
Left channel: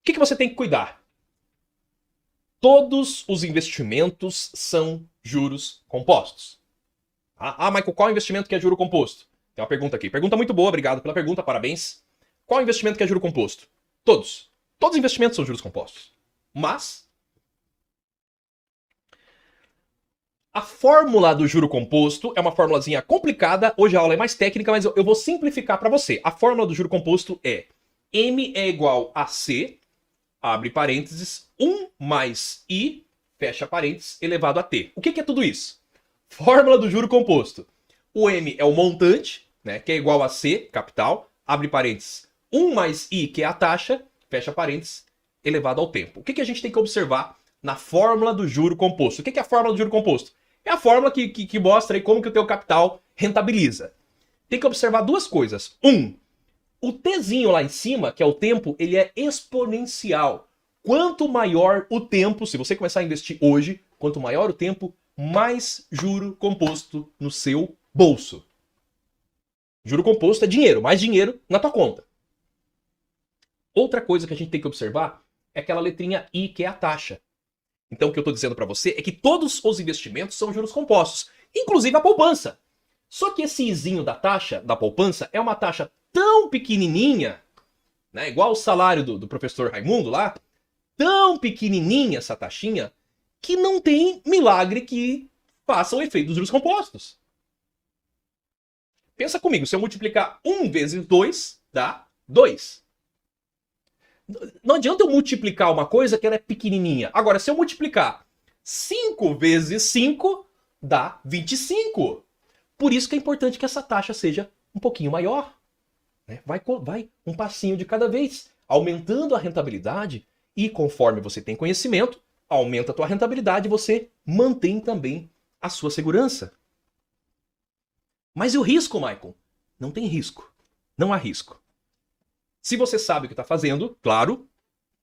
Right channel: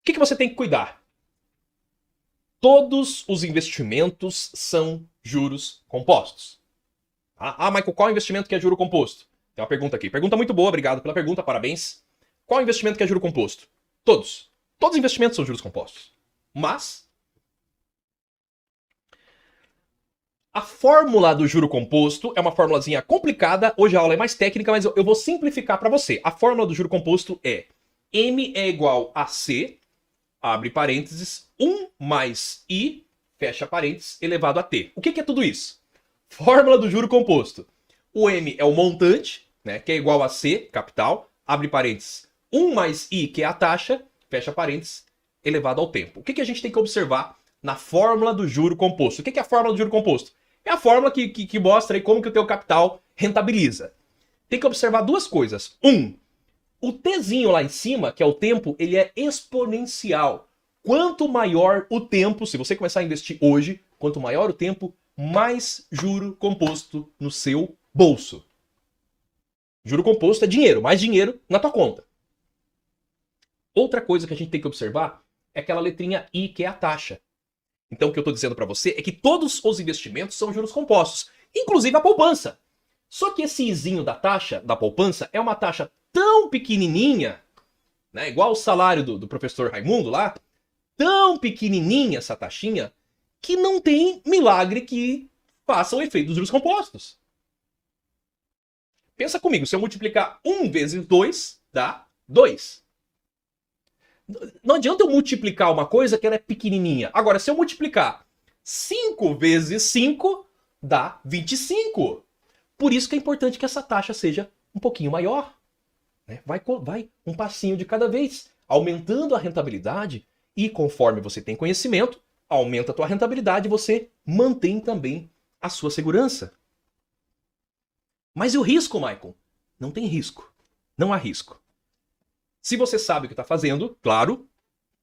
O que você tem que cuidar? Todos os investimentos são juros compostos. Michael, qual investimento que é juro composto? Tem uma pergunta aqui. Pergunta muito boa, obrigado pela pergunta, parabéns. Qual investimento que é juro composto? Todos. Todos os investimentos são juros compostos. Mas a fórmula do juro composto é uma formulazinha complicada. Hoje a aula é mais técnica, mas eu vou simplificar para você. A fórmula do juro composto é M é igual a C, abre parênteses, 1 mais I, fecha parênteses, elevado a T. O que é tudo isso? Fórmula do juro composto. O M é o montante, né, que é igual a C, capital, abre parênteses, 1 mais I, que é a taxa, fecha parênteses, elevado ao tempo. O que a gente tem que observar na fórmula do juro composto? O que é a fórmula do juro composto? É a fórmula que mostra aí como que o teu capital rentabiliza. Tem que observar duas coisas. O Tzinho lá em cima, que é o tempo, ele é exponencial. Quanto maior o tempo, se você começar a investir hoje, quanto maior o tempo, mais juro composto no seu bolso. Juro composto é dinheiro, mais dinheiro na tua conta. Outra coisa que a gente tem que observar é aquela letrinha I, que é a taxa. Então o que eu estou dizendo para você é que todos os investimentos são juros compostos, inclusive a poupança. Só que esse izinho da taxa da poupança é uma taxa tão pequenininha, né, igual o salário do professor Raimundo lá, tão pequenininha essa taxinha, que não tem milagre que faça o efeito dos juros compostos. Pensa comigo, se eu multiplicar 1 vezes 2, dá 2. Não adianta eu multiplicar uma coisa que ela é pequenininha. Agora, se eu multiplicar 5 vezes 5, dá 25. Por isso que é importante que essa taxa seja um pouquinho maior. Vai um passinho de cada vez, aumentando a rentabilidade. E conforme você tem conhecimento, aumenta a tua rentabilidade e você mantém também a sua segurança. Mas e o risco, Michael? Não tem risco. Não há risco. Se você sabe o que está fazendo, claro,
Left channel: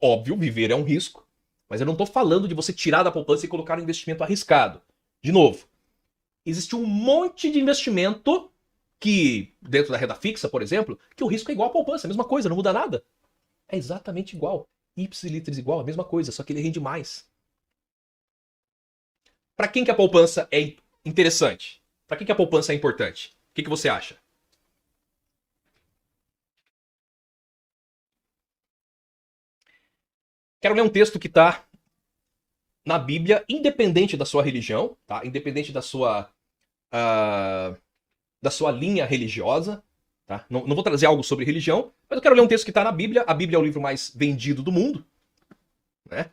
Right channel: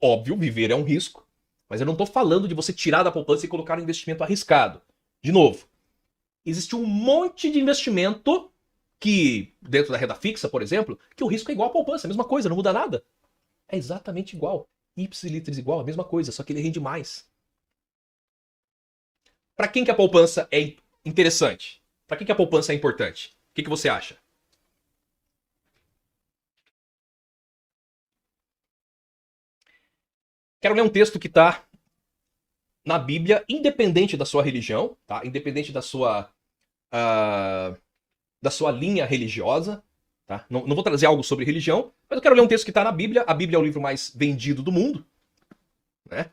óbvio, viver é um risco. Mas eu não estou falando de você tirar da poupança e colocar um investimento arriscado. De novo, existe um monte de investimento que, dentro da renda fixa, por exemplo, que o risco é igual à poupança, é a mesma coisa, não muda nada. É exatamente igual. Ipsilitris igual, a mesma coisa, só que ele rende mais. Para quem que a poupança é interessante? Para que a poupança é importante? O que você acha? Quero ler um texto que está na Bíblia, independente da sua religião, tá? Independente da sua linha religiosa. Tá? Não vou trazer algo sobre religião, mas eu quero ler um texto que está na Bíblia. A Bíblia é o livro mais vendido do mundo. Né?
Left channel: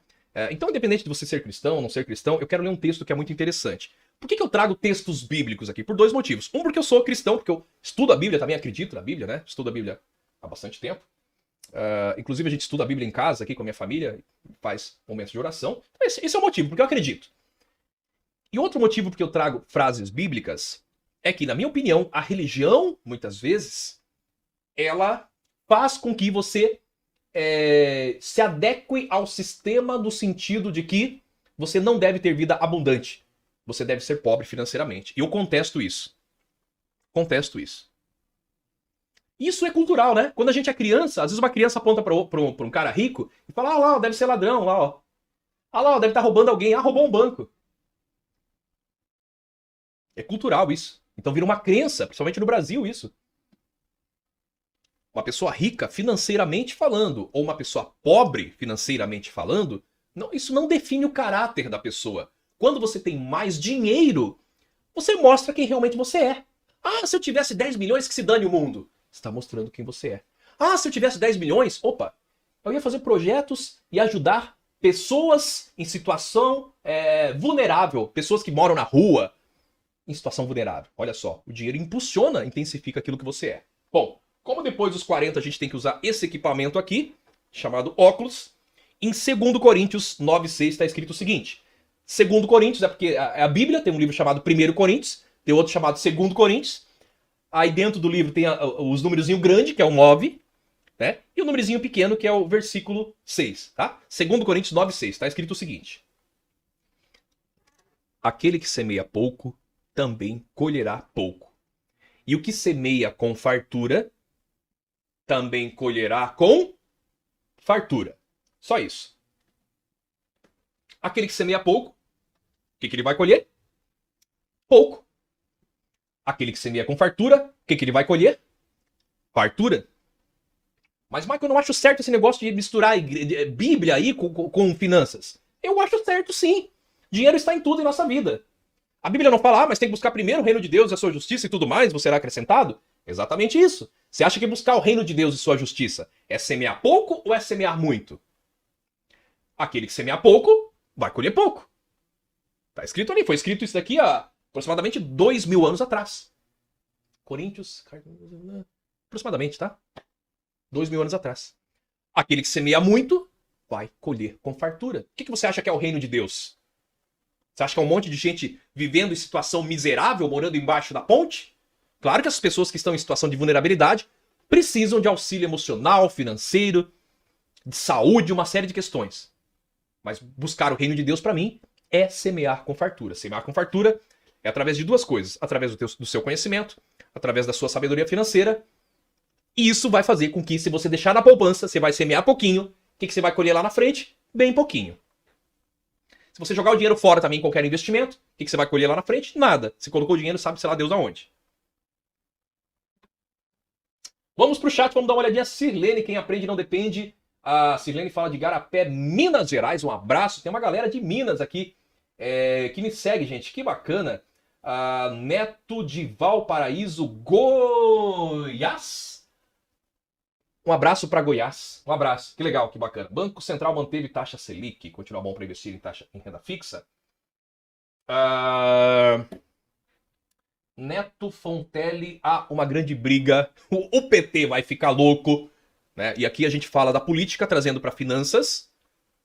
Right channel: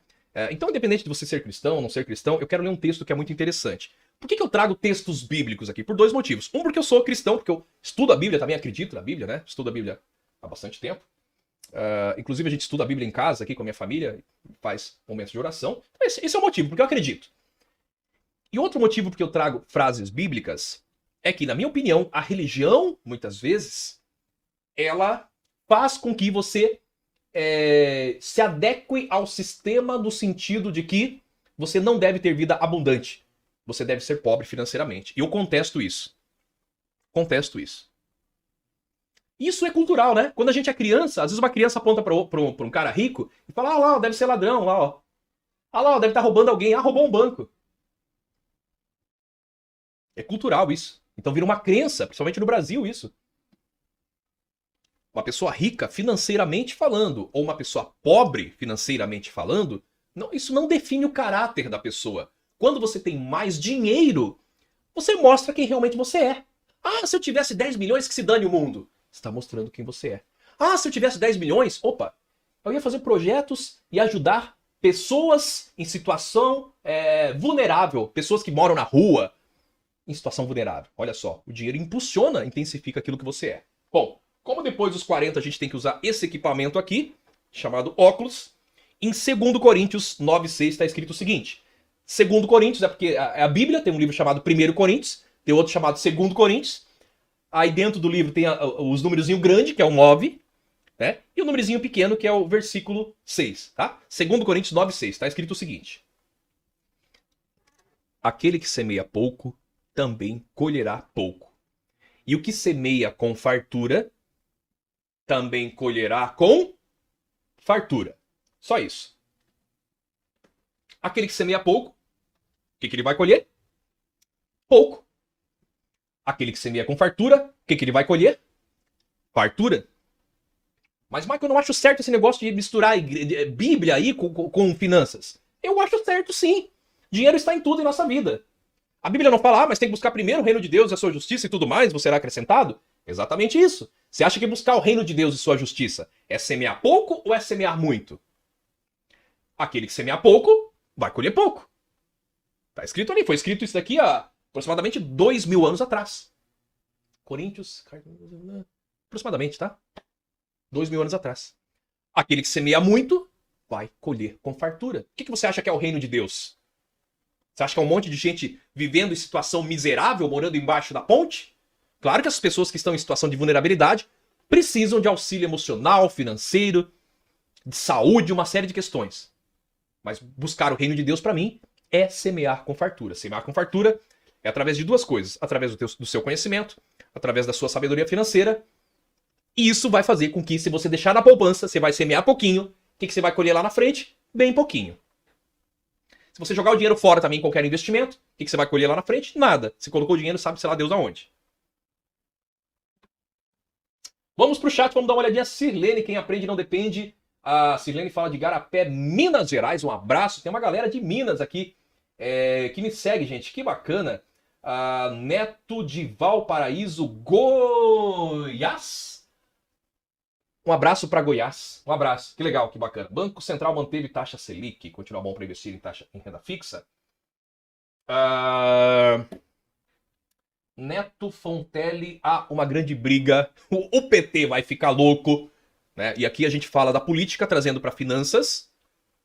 Então, independente de você ser cristão ou não ser cristão, eu quero ler um texto que é muito interessante. Por que eu trago textos bíblicos aqui? Por 2 motivos. Um, porque eu sou cristão, porque eu estudo a Bíblia, também acredito na Bíblia, né? Estudo a Bíblia há bastante tempo. Inclusive, a gente estuda a Bíblia em casa, aqui com a minha família, faz momentos de oração. Então, esse é o motivo, porque eu acredito. E outro motivo porque eu trago frases bíblicas é que, na minha opinião, a religião, muitas vezes, ela faz com que você se adeque ao sistema no sentido de que você não deve ter vida abundante. Você deve ser pobre financeiramente. E eu contesto isso. Isso é cultural, né? Quando a gente é criança, às vezes uma criança aponta para um cara rico e fala, lá, deve ser ladrão, lá, ó. Ah, lá, deve estar roubando alguém. Ah, roubou um banco. É cultural isso. Então vira uma crença, principalmente no Brasil, isso. Uma pessoa rica financeiramente falando, ou uma pessoa pobre financeiramente falando, isso não define o caráter da pessoa. Quando você tem mais dinheiro, você mostra quem realmente você é. Ah, se eu tivesse 10 milhões, que se dane o mundo. Você está mostrando quem você é. Ah, se eu tivesse 10 milhões, opa, eu ia fazer projetos e ajudar pessoas em situação vulnerável, pessoas que moram na rua, em situação vulnerável. Olha só, o dinheiro impulsiona, intensifica aquilo que você é. Bom, como depois dos 40 a gente tem que usar esse equipamento aqui, chamado óculos, em 2 Coríntios 9,6 está escrito o seguinte. 2 Coríntios é porque é a Bíblia, tem um livro chamado 1 Coríntios, tem outro chamado 2 Coríntios. Aí dentro do livro tem os númerozinho grande, que é o 9, né? E o númerozinho pequeno, que é o versículo 6, tá? 2 Coríntios 9,6, está escrito o seguinte. Aquele que semeia pouco, também colherá pouco. E o que semeia com fartura, também colherá com fartura. Só isso. Aquele que semeia pouco, o que ele vai colher? Pouco. Aquele que semeia com fartura, o que ele vai colher? Fartura. Mas, Michael, eu não acho certo esse negócio de misturar Bíblia aí com finanças. Eu acho certo, sim. Dinheiro está em tudo em nossa vida. A Bíblia não fala, mas tem que buscar primeiro o reino de Deus e a sua justiça e tudo mais, você será acrescentado? Exatamente isso. Você acha que buscar o reino de Deus e sua justiça é semear pouco ou é semear muito? Aquele que semear pouco, vai colher pouco. Está escrito ali, foi escrito isso daqui há aproximadamente 2.000 anos atrás. Coríntios, aproximadamente, tá? 2.000 anos atrás. Aquele que semeia muito, vai colher com fartura. O que você acha que é o reino de Deus? Você acha que é um monte de gente vivendo em situação miserável, morando embaixo da ponte? Claro que as pessoas que estão em situação de vulnerabilidade precisam de auxílio emocional, financeiro, de saúde, uma série de questões. Mas buscar o reino de Deus, para mim, é semear com fartura. Semear com fartura é através de 2 coisas. Através do seu conhecimento, através da sua sabedoria financeira. E isso vai fazer com que, se você deixar na poupança, você vai semear pouquinho. O que você vai colher lá na frente? Bem pouquinho. Se você jogar o dinheiro fora também em qualquer investimento, o que você vai colher lá na frente? Nada. Você colocou o dinheiro, sabe, sei lá, Deus aonde. Vamos pro chat, vamos dar uma olhadinha. Sirlene, quem aprende não depende. A Sirlene fala de Garapé, Minas Gerais. Um abraço. Tem uma galera de Minas aqui que me segue, gente. Que bacana. Neto de Valparaíso, Goiás. Um abraço para Goiás. Um abraço. Que legal, que bacana. Banco Central manteve taxa Selic. Continua bom para investir em taxa em renda fixa. Neto Fontelli, uma grande briga. O PT vai ficar louco. Né? E aqui a gente fala da política trazendo para finanças.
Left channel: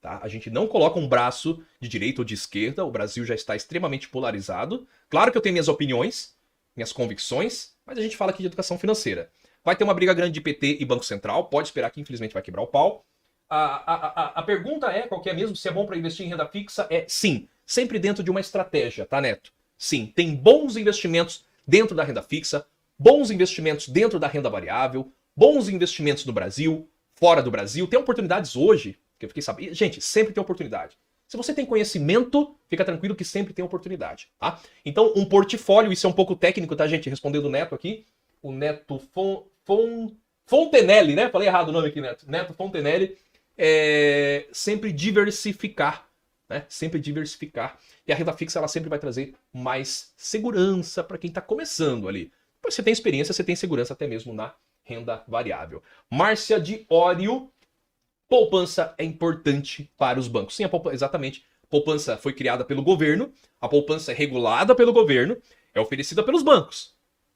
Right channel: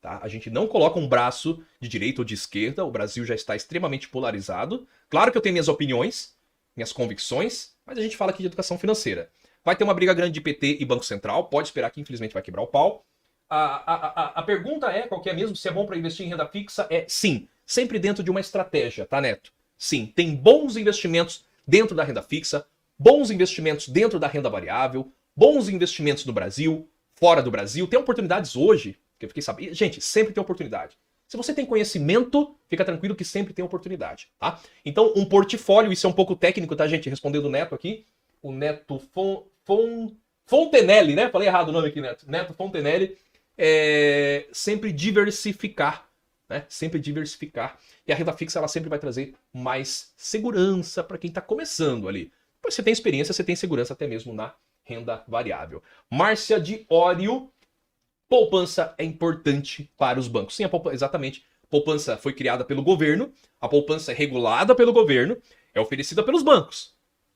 Tá? A gente não coloca um braço de direita ou de esquerda. O Brasil já está extremamente polarizado. Claro que eu tenho minhas opiniões, minhas convicções, mas a gente fala aqui de educação financeira. Vai ter uma briga grande de PT e Banco Central. Pode esperar que infelizmente vai quebrar o pau. A pergunta é, qual que é mesmo, se é bom para investir em renda fixa? Sim, sempre dentro de uma estratégia, tá, Neto? Sim, tem bons investimentos dentro da renda fixa, bons investimentos dentro da renda variável, bons investimentos no Brasil, fora do Brasil. Tem oportunidades hoje, que eu fiquei sabendo. Gente, sempre tem oportunidade. Se você tem conhecimento, fica tranquilo que sempre tem oportunidade, tá? Então, um portfólio, isso é um pouco técnico, tá, gente? Respondendo o Neto aqui. O Neto Fontenelle, né? Falei errado o nome aqui, Neto. Neto Fontenelle. Sempre diversificar, né? Sempre diversificar. E a renda fixa, ela sempre vai trazer mais segurança para quem está começando ali. Depois você tem experiência, você tem segurança até mesmo na renda variável. Márcia de Ório. Poupança é importante para os bancos. Sim, exatamente. A poupança foi criada pelo governo. A poupança é regulada pelo governo. É oferecida pelos bancos.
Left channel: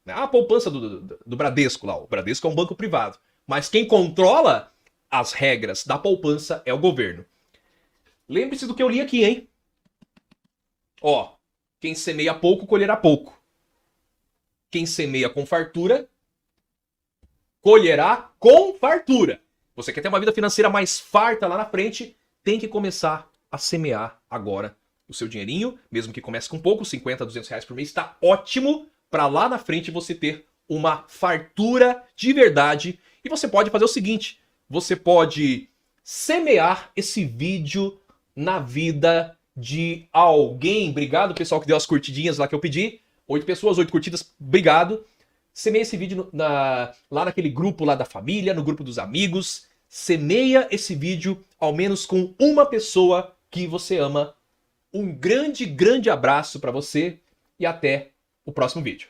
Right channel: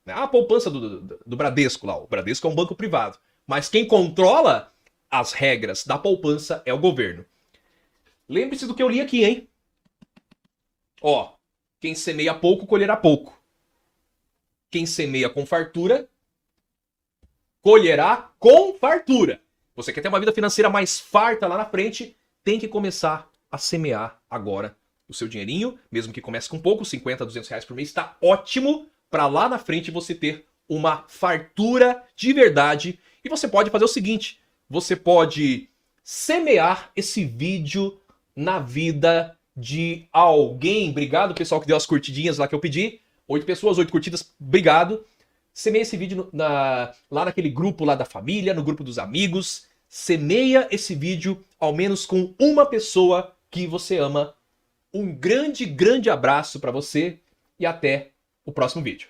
A poupança do Bradesco lá. O Bradesco é um banco privado. Mas quem controla as regras da poupança é o governo. Lembre-se do que eu li aqui, hein? Ó, quem semeia pouco, colherá pouco. Quem semeia com fartura, colherá com fartura. Você quer ter uma vida financeira mais farta lá na frente, tem que começar a semear agora o seu dinheirinho, mesmo que comece com pouco, 50, 200 reais por mês, está ótimo para lá na frente você ter uma fartura de verdade. E você pode fazer o seguinte, você pode semear esse vídeo na vida de alguém. Obrigado, pessoal, que deu as curtidinhas lá que eu pedi. 8 pessoas, 8 curtidas, obrigado. Semeia esse vídeo lá naquele grupo lá da família, no grupo dos amigos. Semeia esse vídeo, ao menos com uma pessoa que você ama. Um grande, grande abraço para você e até o próximo vídeo.